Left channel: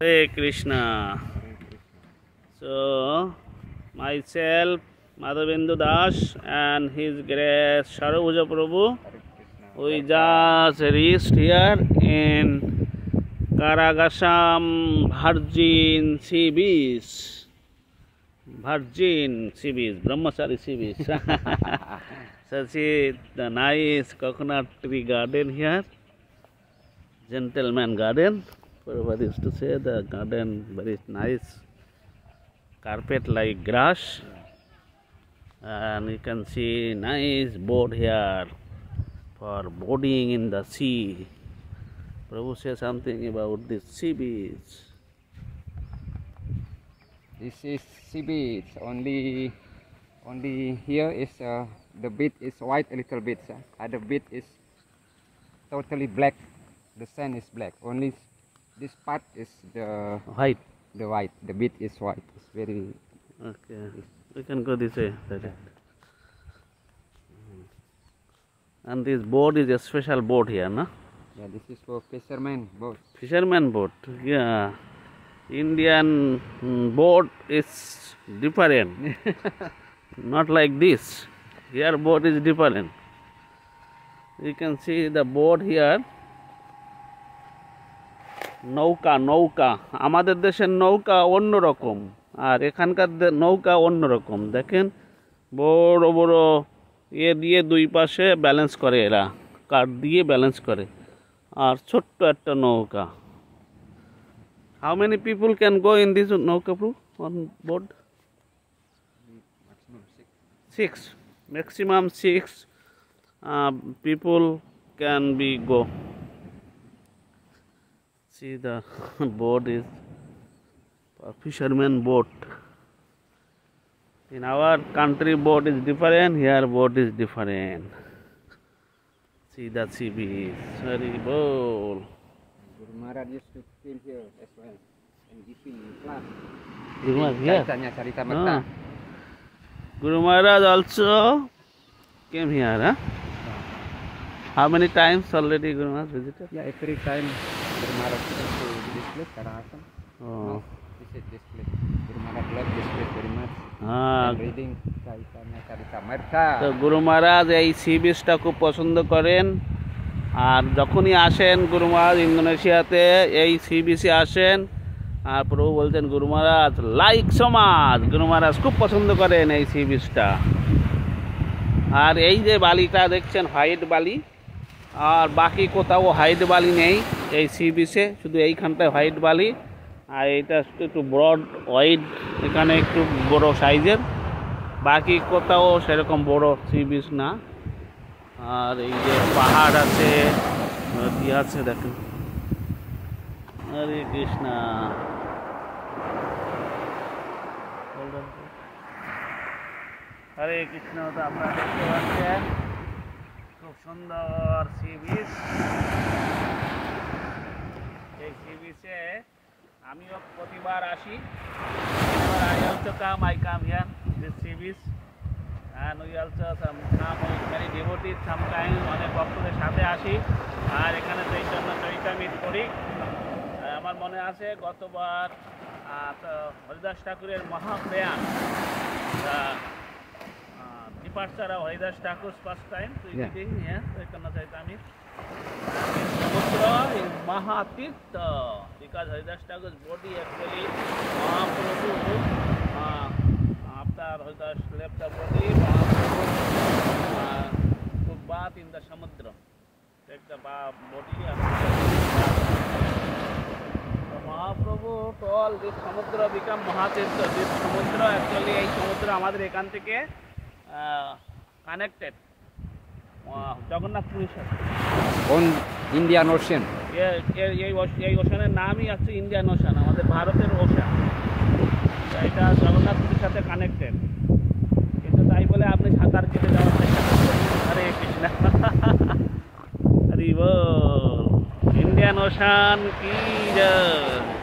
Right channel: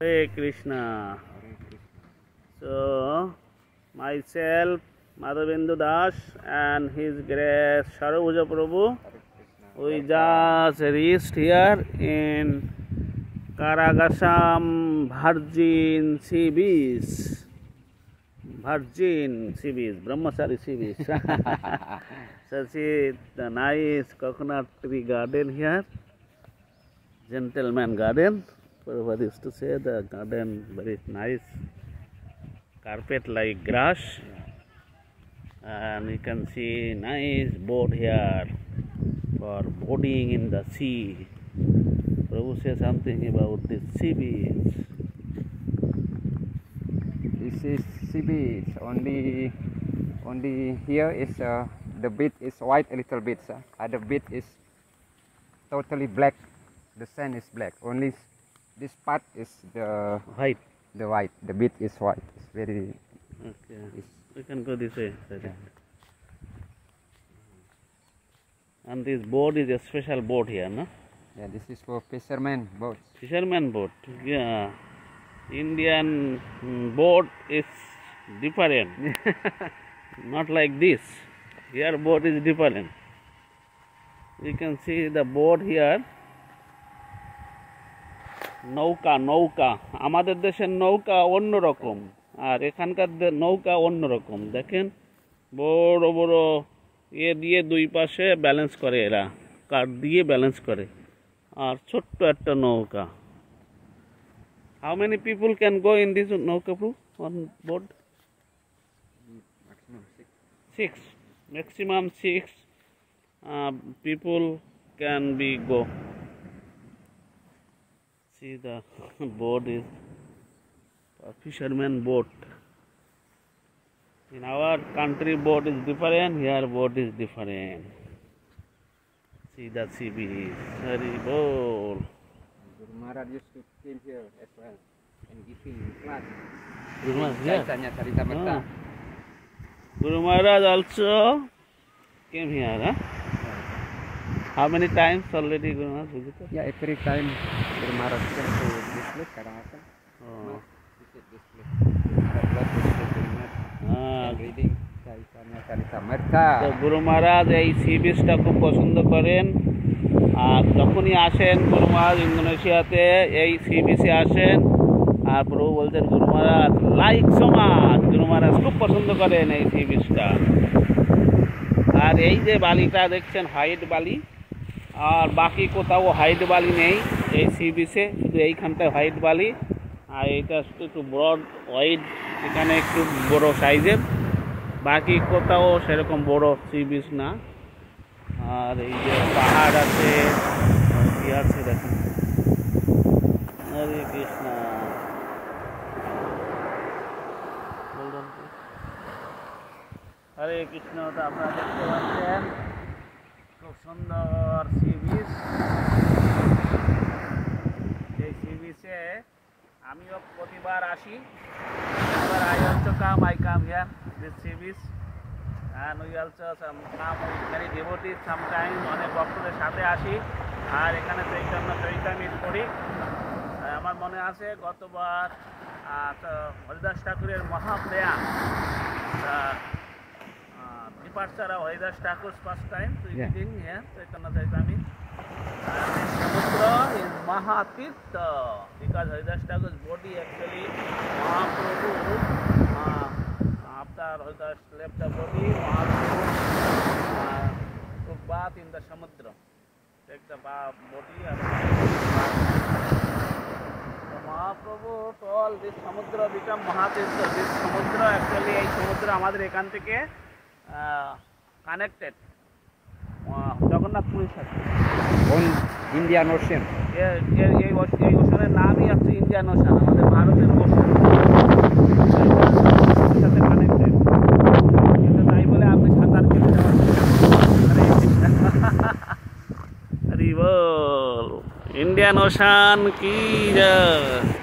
Hare Krishna. So, myself, Madhavendu Das, and His Grace Sarabhuja Prabhu, we just reached here in Karagasam Virgin Sea Beach. Virgin Sea Beach, Brahmachari Sea Beach. So, see the nice coconut tree garden here, gentleman garden. Prabhupada used to say the garden very nice, carpet like grass, and you can see nice boat here for boarding in the sea. Prabhu says something about this sea beach. This is sea beach. Only here is the beach is white a little bit. Other beach is totally black. The sand is black. Only this part is the White. The white. The beach is white. It's very. Okay. We can go this way. And this boat is a special boat here, no? Yeah, this is for fishermen boats. Fisherman boat. Yeah. Indian boat is different. Not like this. Here boat is different. You can see the boat here. নৌকা নৌকা আমাদের দেশের নৌকা অন্যরকম আর এখানকার নৌকা অন্যরকম দেখেন বড় বড় দিয়ে দুই পাশে ব্যালেন্স করে এরা কাঠ দিয়ে ব্যালেন্স করে আর ছোট্ট একটা নৌকা How many people can go in this নৌকা on board? Maximum six people can be go. See the boat is a fisherman boat. In our country boat is different, here boat is different. See the sea beach, very bold. Guru Maharaj used to came here as well and giving class. Yes. Guru Maharaj also came here, huh? How many times already Guru Maharaj visited? Yeah, every time Guru Maharaj came to this place, Karagasam. Oh. Visit this place. I love this place very much. And reading Chaitanya Charitamrita. তো গুরু মহারাজ এই সি বিচটা খুব পছন্দ করেন আর যখনই আসেন গুরু মহারাজ ইন্দোনেশিয়াতে এই সি বিচে আসেন আর প্রভু বলতেন গুরু মহারাজ লাইক সমাজ গুরু মহারাজ খুব পছন্দ করেন এই সি বিচটা আর এই যে বালিটা দেখছেন হোয়াইট বালি আর বাকি কোথাও হোয়াইট বালি নেই এই সি বিচে শুধু এইখানটায় হোয়াইট বালি আর এটা একটু ব্রড হোয়াইট এখানে একটু বড় সাইজের বাকি কোথাও সেরকম বড় সি বিচ না আর এই যে পাহাড় আছে কি আছে দেখেন হরে কৃষ্ণা হরে কৃষ্ণ তো আপনারা দেখতে পাচ্ছেন খুব সুন্দর সি বিচ এই সি বিচে আমিও প্রতিবার আসি whenever I also come, I come here this sea beach and we also come with many devotees sometimes অনেক ভক্তদের সাথে আসি আর এখানে চৈতন্য চরিতামৃত পড়ি আমার মনে আছে গতবার হরিদাস ঠাকুরের মহাপ্রয়াণ departure of Haridas Thakur's first time to reading here Chaitanya Charitamrita. And this Samudra is Mahatirtha because Haridas Thakur's body actually Mahaprabhu after Haridas left the body Mahaprabhu took bath in the Samudra. Take the body and bath. So Mahaprabhu told this Samudra become Mahatirtha. This Samudra actually এই সমুদ্র আমাদের এখান থেকে কানেক্টেড জগন্নাথপুরীর সাথে on Indian Ocean. এই ওশানের নামই আছে ইন্ডিয়ান ওশান আমাদের ভারতের ওশান এটা জগন্নাথপুরীর সাথে কানেক্টেড কিন্তু তাই বলে আপনি সাঁতার কেটে যাওয়ার চেষ্টা করছেন হরে কৃষ্ণ হরি বল ইন্ডিয়ান ওশান কি জয়